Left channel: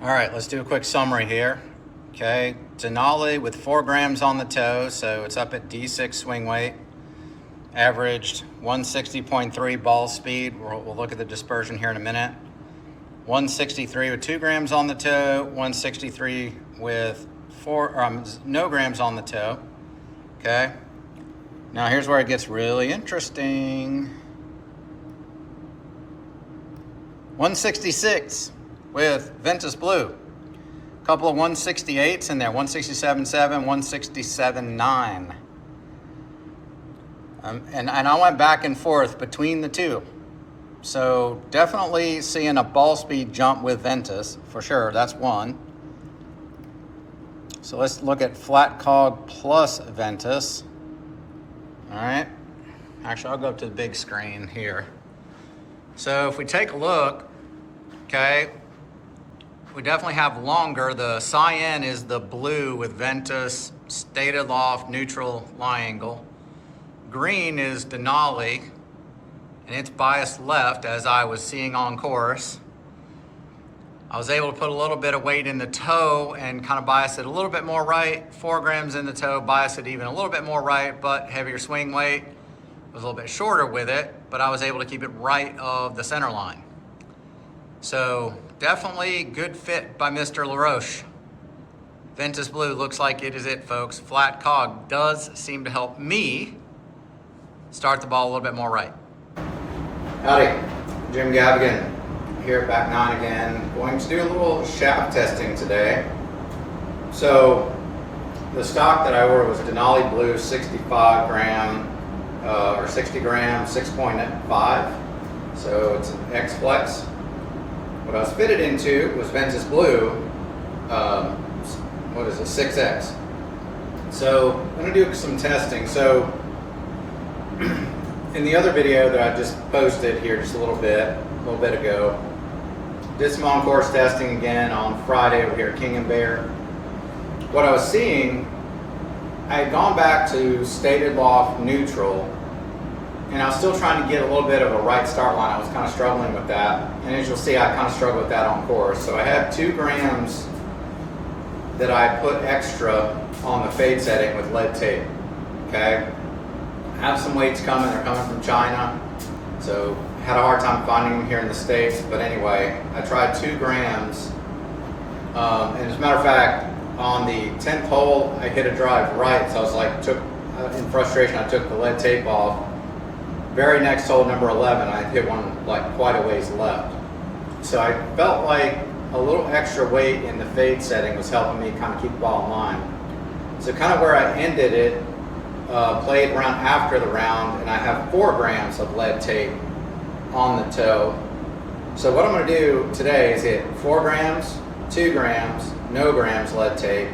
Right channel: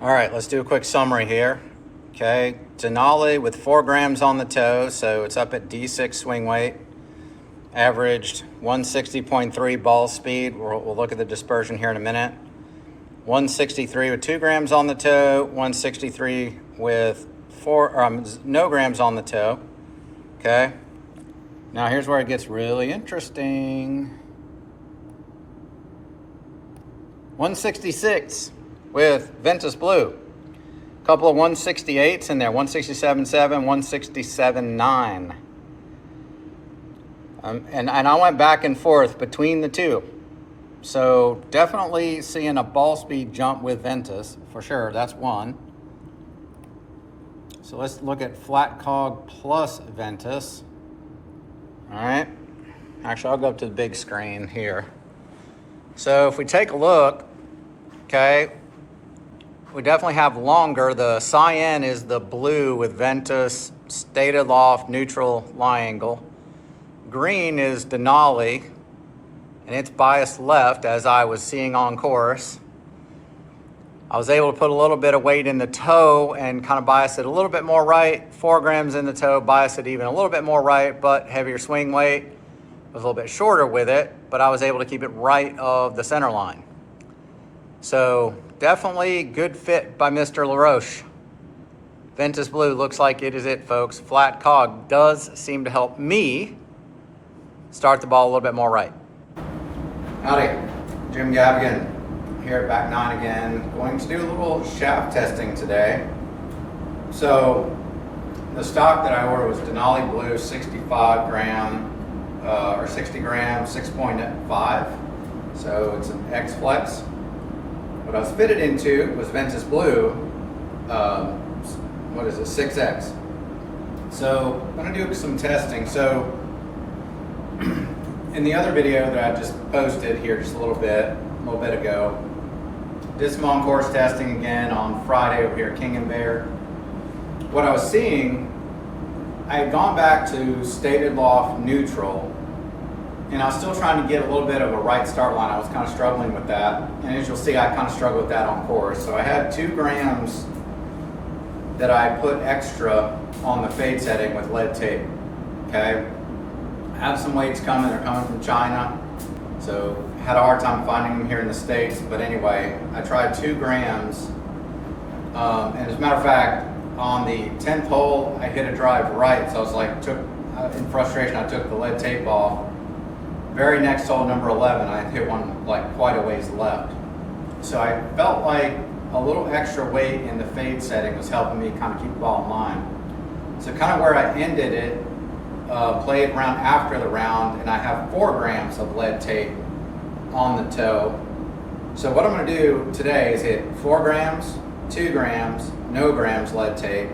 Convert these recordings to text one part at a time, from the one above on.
All right, let's do a quick summary here. Okay, Denali with 4 grams on the toe, so it's up at D6 swing weight. Averaged 160.3 ball speed. We'll look at the dispersion here in a minute. 163 with 2 grams on the toe, 163 with no grams on the toe. Okay, now here's where it gets really interesting. 166 with Ventus Blue. A couple of 168s in there, 167.7, 167.9. And I went back and forth between the two. So definitely seeing a ball speed jump with Ventus, for sure, that's one. So let's look at flat cog plus Ventus. All right, actually I'll go up to the big screen here. So if we take a look, okay, we definitely have longer. The cyan is the blue with Ventus, stated loft, neutral, lie angle. Green is Denali, and it's biased left as I was seeing on course. I was able to put a little bit of weight in the toe and kind of bias it a little bit more right. 4 grams in the toe, bias it even a little bit more right, but heavier swing weight. I was a little bit shorter with it, but I was able to keep it right of the center line. So definitely good fit by Mr. LaRoche. Ventus Blue looks like it is it, folks. Flat cog does seem to help me start the ball a little bit more right. Howdy, Jim Gavigan here at Back 9 again. Going to do a little shaft testing today. So the stock that I ordered was Denali Blue 65 gram or 60 gram 6.5. So it's an X Flex. What I was fitted into was Ventus Blue, what is it, 6X. So I'm gonna do some testing. So in the other video that I just posted here just a little bit ago, did some on-course testing again on Friday over here at King and Bear. What I was seeing, I had gone back to stated loft neutral, and I was still trying to get a little bit of a right start line. I was kind of struggling with that. And as you'll see, I kind of struggled with that on course. So I had 2 grams that I put extra on the fade setting with lead tape, okay? I have some weights coming, they're coming from China. So had a hard time finding them here in the States. But anyway, I tried 2 grams. And as a matter of fact, on the 10th hole, I hit a drive right. So I was like, in frustration, I took the lead tape off. Very next hole, number 11, I hit one like quite a ways left. So I felt like a little extra weight in the fade setting was helping me kind of keep the ball in line. So kind of where I ended it, played around after the round, and I have 4 grams of lead tape on the toe. So what I'm going to do today is hit 4 grams, 2 grams, no grams lead tape,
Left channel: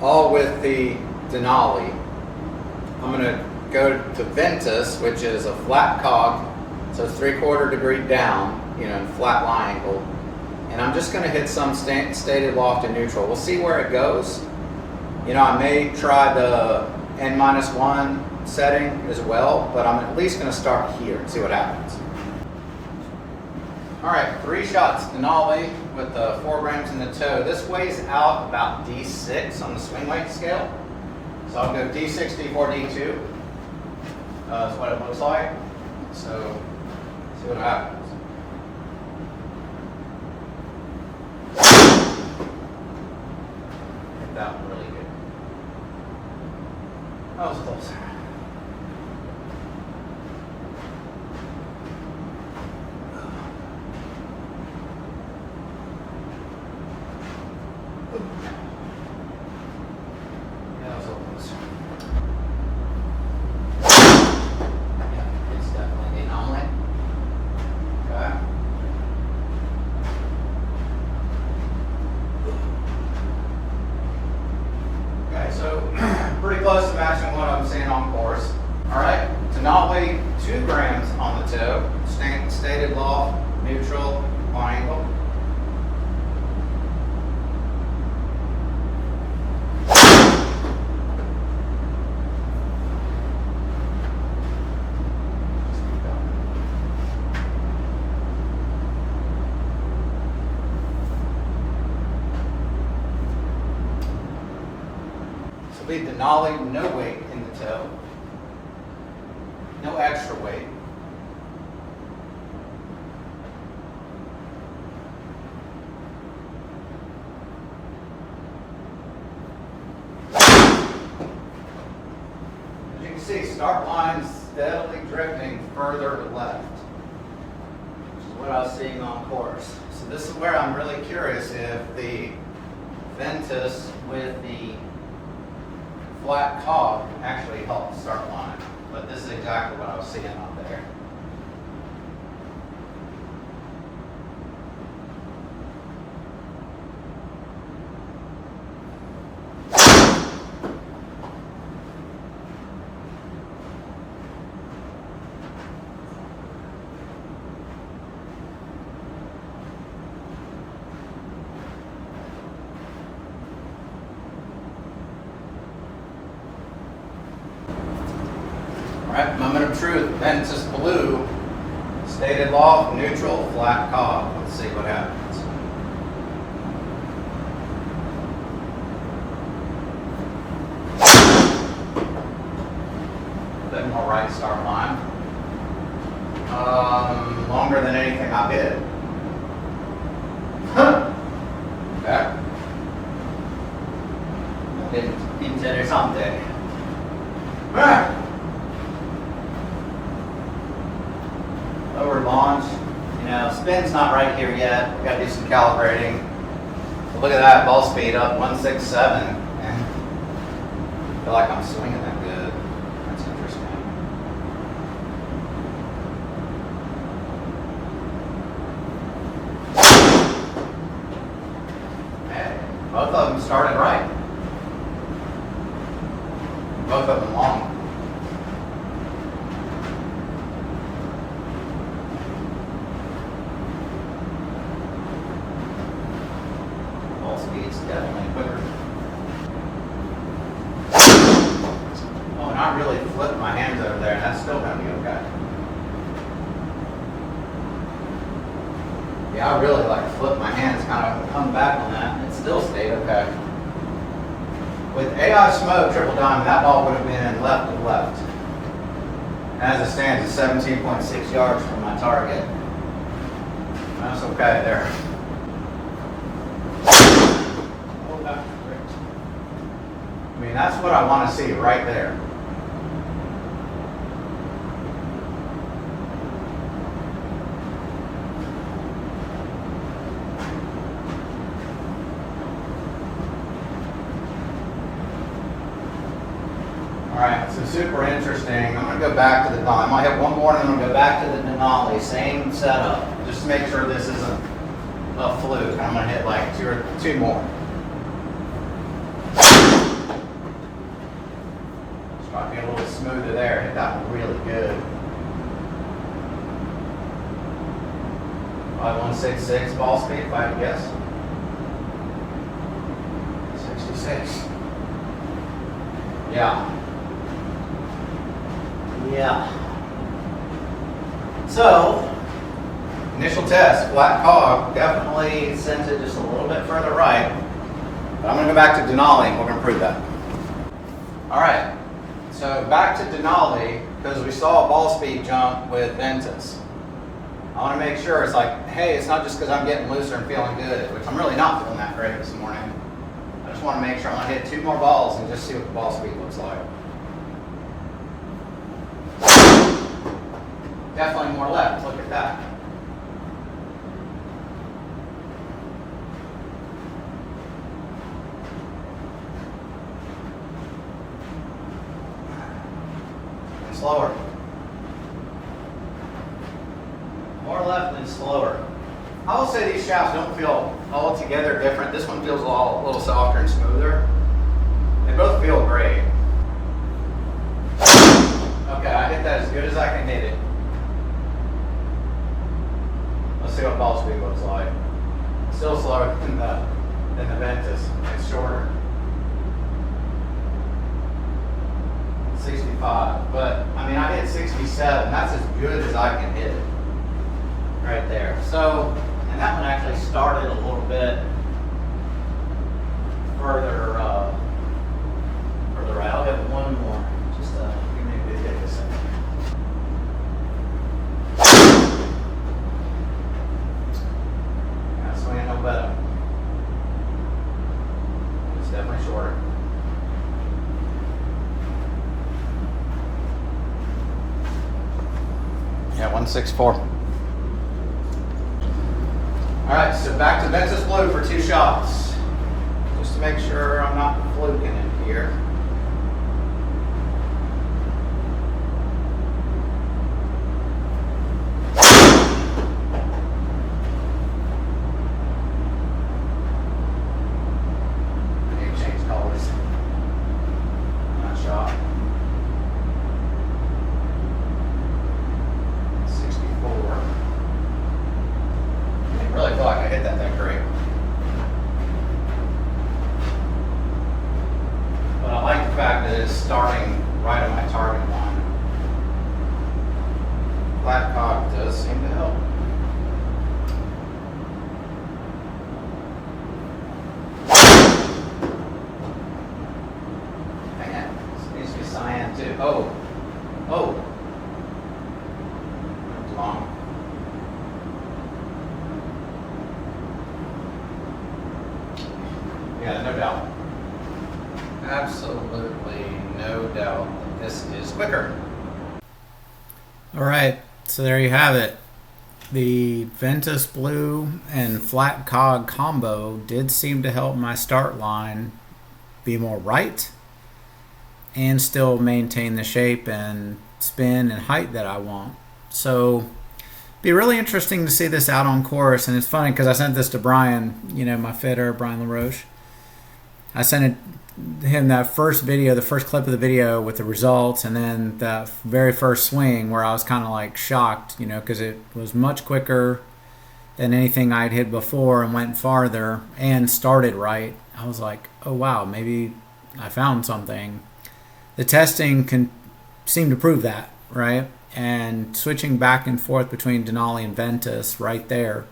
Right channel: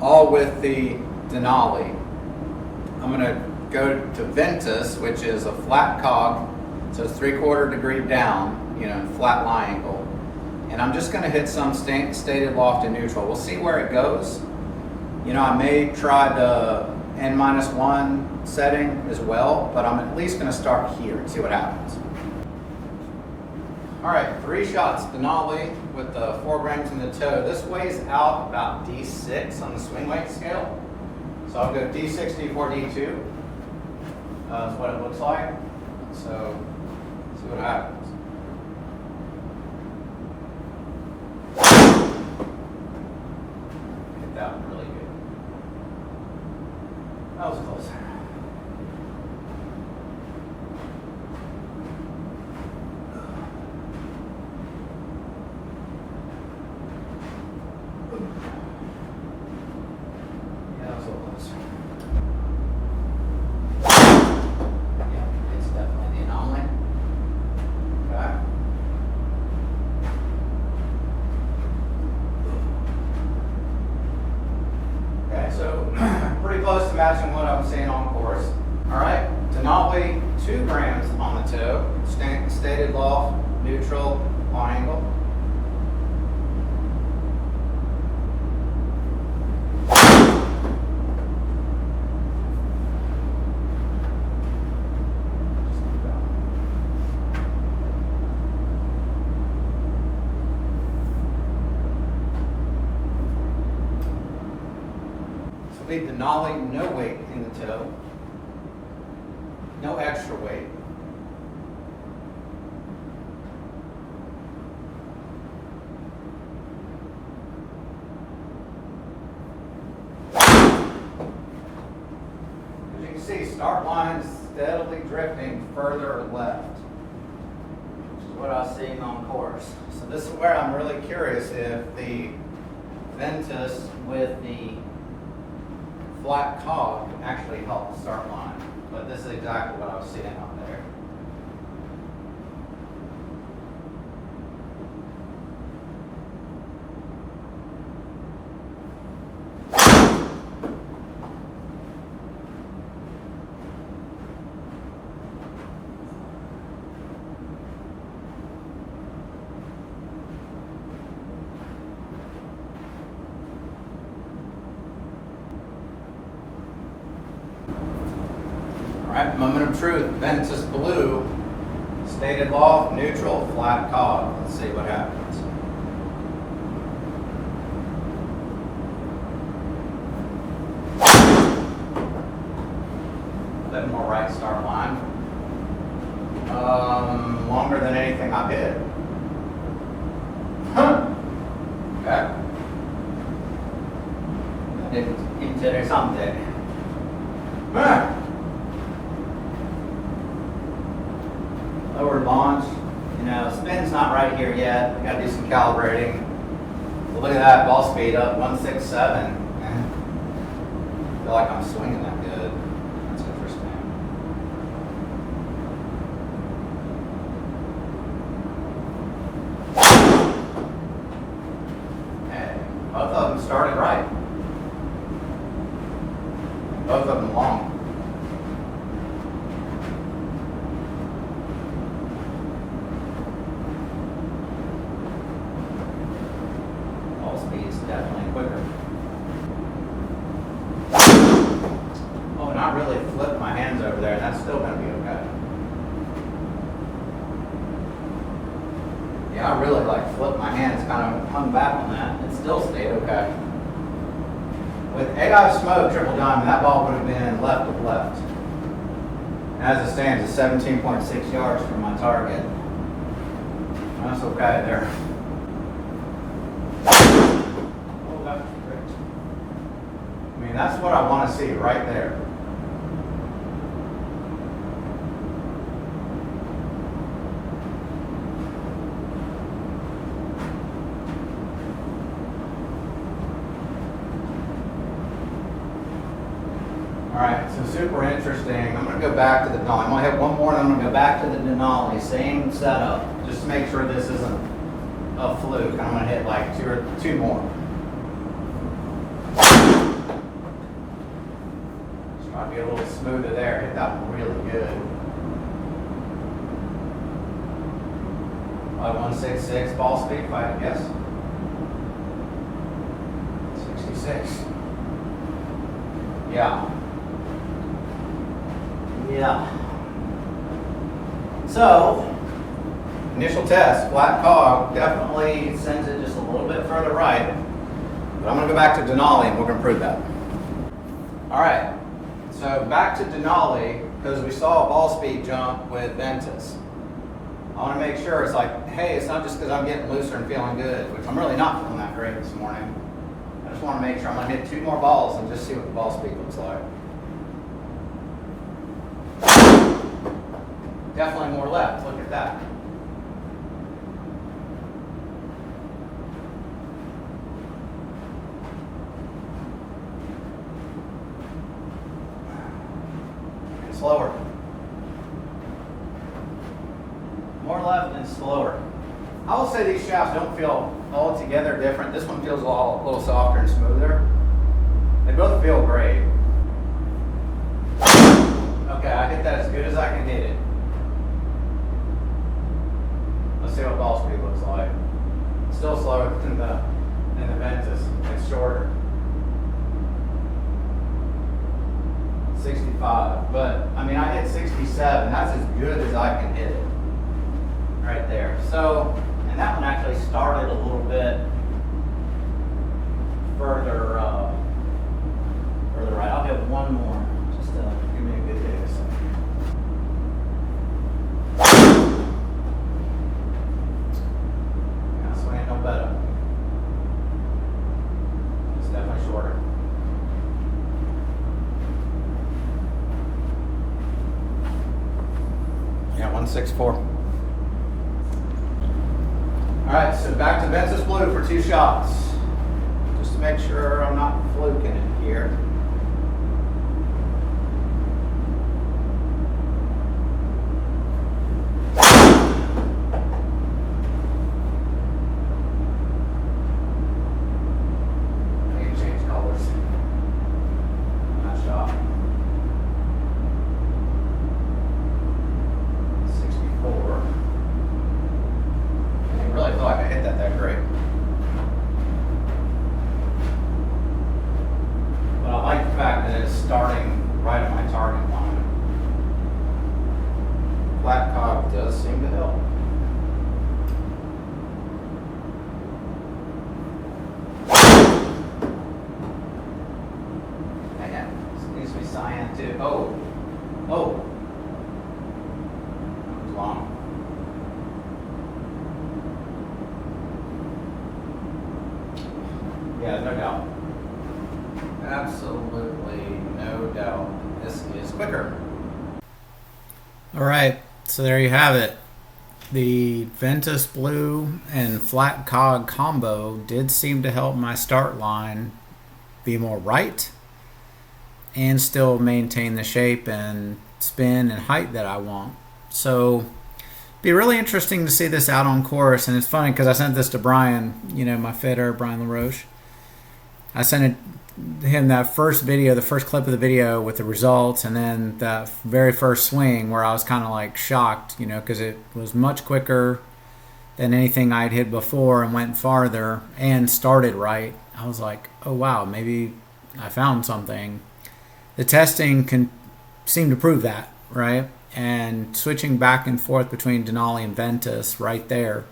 all with the Denali. I'm going to go to Ventus, which is a flat cog, so it's 3/4 degree down, you know, in flat lie angle. And I'm just going to hit some stated loft and neutral. We'll see where it goes. You know, I may try the N-1 setting as well, but I'm at least going to start here and see what happens. All right, 3 shots Denali with 4 grams in the toe. This weighs out about D6 on the swing weight scale. So I'll go D6, D4, D2. That's what it looks like. So, see what happens. Hit that one really good. That was close. That was close. Close to matching what I'm seeing on course. All right, Denali 2 grams on the toe, stated loft, neutral, on angle. will be Denali, no weight in the toe. No extra weight. As you can see, start line is steadily drifting further left, which is what I was seeing on course. So this is where I'm really curious if the Ventus with the flat cog actually helped the start line. But this is exactly what I was seeing out there. Alright, moment of truth. Ventus Blue, stated law, neutral, flat cog. Let's see what happens. A bit more right start line. Longer than anything I did. Okay. Interessante. Lower launch, spin's not right here yet. We've got to do some calibrating. Well, look at that, ball speed up 167. I feel like I'm swinging that good. That's interesting. Hey, both of them started right. Both of them long. Speed's definitely quicker. Oh, and I really flipped my hands over there. That's still going to be okay. Yeah, I really flipped my hands, kind of hung back on that. It still stayed okay. With AI smoke, triple diamond, that ball would have been left of left. As it stands, it's 17.6 yards from my target. That's okay there. I mean, that's what I want to see right there. All right, so super interesting. I'm going to go back to the Denali. I might have one more, and I'm going to go back to the Denali. Same setup, just to make sure this isn't a fluke. I'm going to hit like two more. Try to be a little smoother there. Hit that one really good. 5166 ball speed, if I had to guess. 66. Yeah. So, initial test, flat cog, definitely sends it just a little bit further right. But I'm going to go back to Denali and we're going to prove that. All right, so back to Denali because we saw a ball speed jump with Ventus. I want to make sure it's like, hey, it's not just because I'm getting looser and feeling good, which I'm really not feeling that great this morning. I just want to make sure I'm going to hit 2 more balls and just see what the ball speed looks like. Definitely more left. Look at that. And slower. More left and slower. I will say these shafts don't feel altogether different. This one feels a little softer and smoother. They both feel great. Okay, I hit that as good as I can hit it. Let's see what ball speed looks like. Still slower than the Ventus. It's shorter. 65. But I mean, I hit 67. That's as good as I can hit it. Right there. So, and that one actually started a little bit further 164. All right, so back to Ventus Blue for 2 shots. Just to make sure I'm not fluking it here. And change colors. Nice shot. 64. I didn't really feel like I hit that great. But I like the fact that it's starting right at my target line. Flat cog does seem to help. Man, this needs to be cyan too. Oh. That was long. Yeah, no doubt. Absolutely no doubt. This is quicker. All right, so there you have it. The Ventus Blue and flat cog combo did seem to help my start line be more right and still maintain the shape and spin and height that I want. So be really interesting to see this out on course. And it's funny because I sent this to Brian, my fitter, Brian LaRoche. I sent him that first video, the first clip of the video with the results, and then that very first swing where I was kind of like shocked, because it was much quicker than anything I'd hit before and went farther and started right. I was like, oh wow, maybe I found something. The testing can seem to prove that, right? And switching back and forth between Denali and Ventus right there,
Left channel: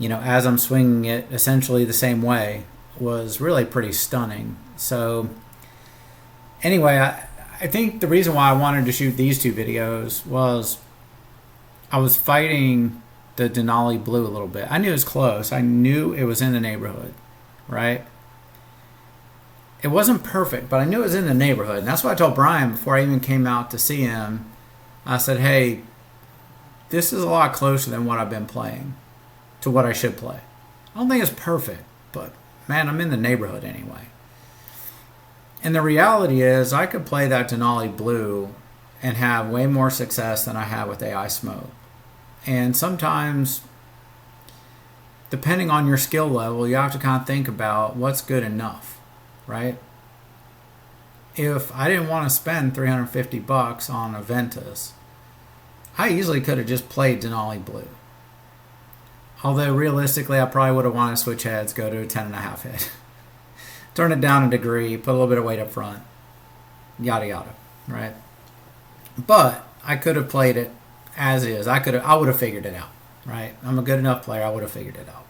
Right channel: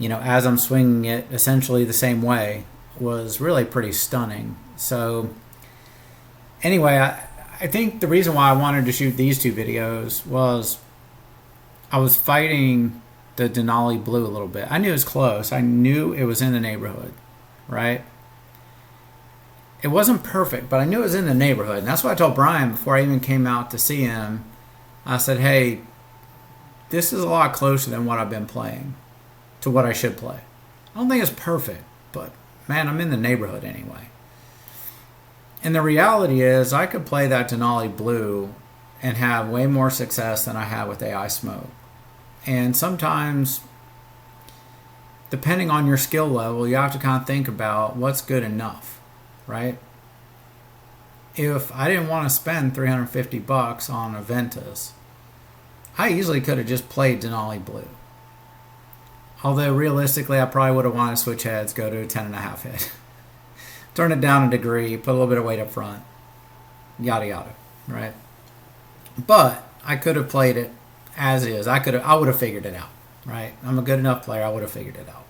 as I'm swinging it essentially the same way, was really pretty stunning. So anyway, I think the reason why I wanted to shoot these 2 videos was I was fighting the Denali Blue a little bit. I knew it was close. I knew it was in the neighborhood, right? It wasn't perfect, but I knew it was in the neighborhood. And that's what I told Brian before I even came out to see him. I said, hey, this is a lot closer than what I've been playing to what I should play. I don't think it's perfect, but man, I'm in the neighborhood anyway. And the reality is I could play that Denali Blue and have way more success than I have with AI Smoke. And sometimes, depending on your skill level, you have to kind of think about what's good enough, right? If I didn't want to spend $350 on a Ventus, I easily could have just played Denali Blue. Although realistically, I probably would have wanted to switch heads, go to a 10.5 hit. Turn it down a degree, put a little bit of weight up front, yada yada, right? But I could have played it as is. I would have figured it out, right? I'm a good enough player, I would have figured it out.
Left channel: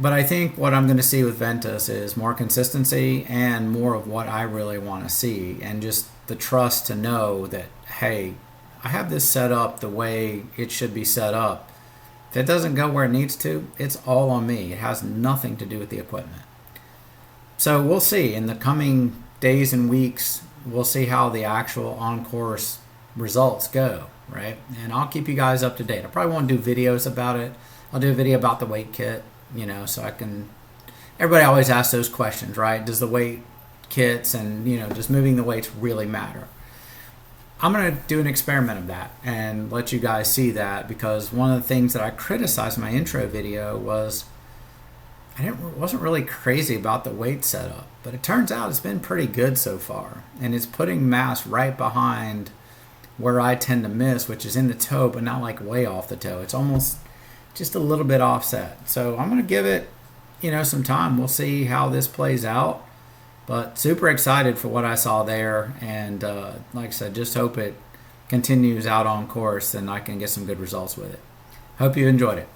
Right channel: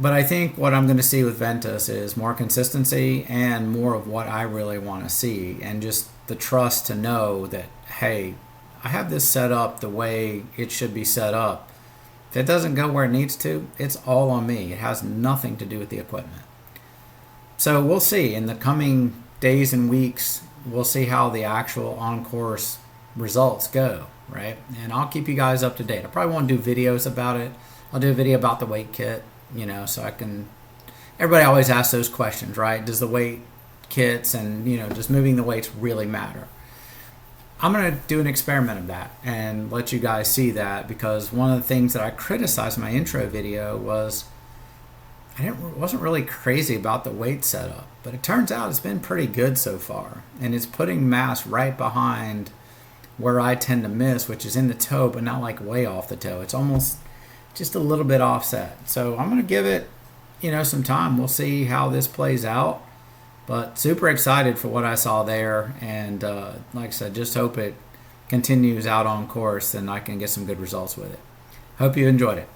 But I think what I'm going to see with Ventus is more consistency and more of what I really want to see, and just the trust to know that, hey, I have this set up the way it should be set up. If it doesn't go where it needs to, it's all on me. It has nothing to do with the equipment. So we'll see. In the coming days and weeks, we'll see how the actual on-course results go, right? And I'll keep you guys up to date. I probably won't do videos about it. I'll do a video about the weight kit, so I can... Everybody always asks those questions, right? Does the weight kits and, just moving the weights really matter? I'm going to do an experiment of that and let you guys see that, because one of the things that I criticized in my intro video was wasn't really crazy about the weight setup, but it turns out it's been pretty good so far, and it's putting mass right behind where I tend to miss, which is in the toe, but not like way off the toe. It's almost just a little bit offset. So I'm going to give it, some time. We'll see how this plays out. But super excited for what I saw there, and like I said, just hope it continues out on course and I can get some good results with it. Hope you enjoyed it.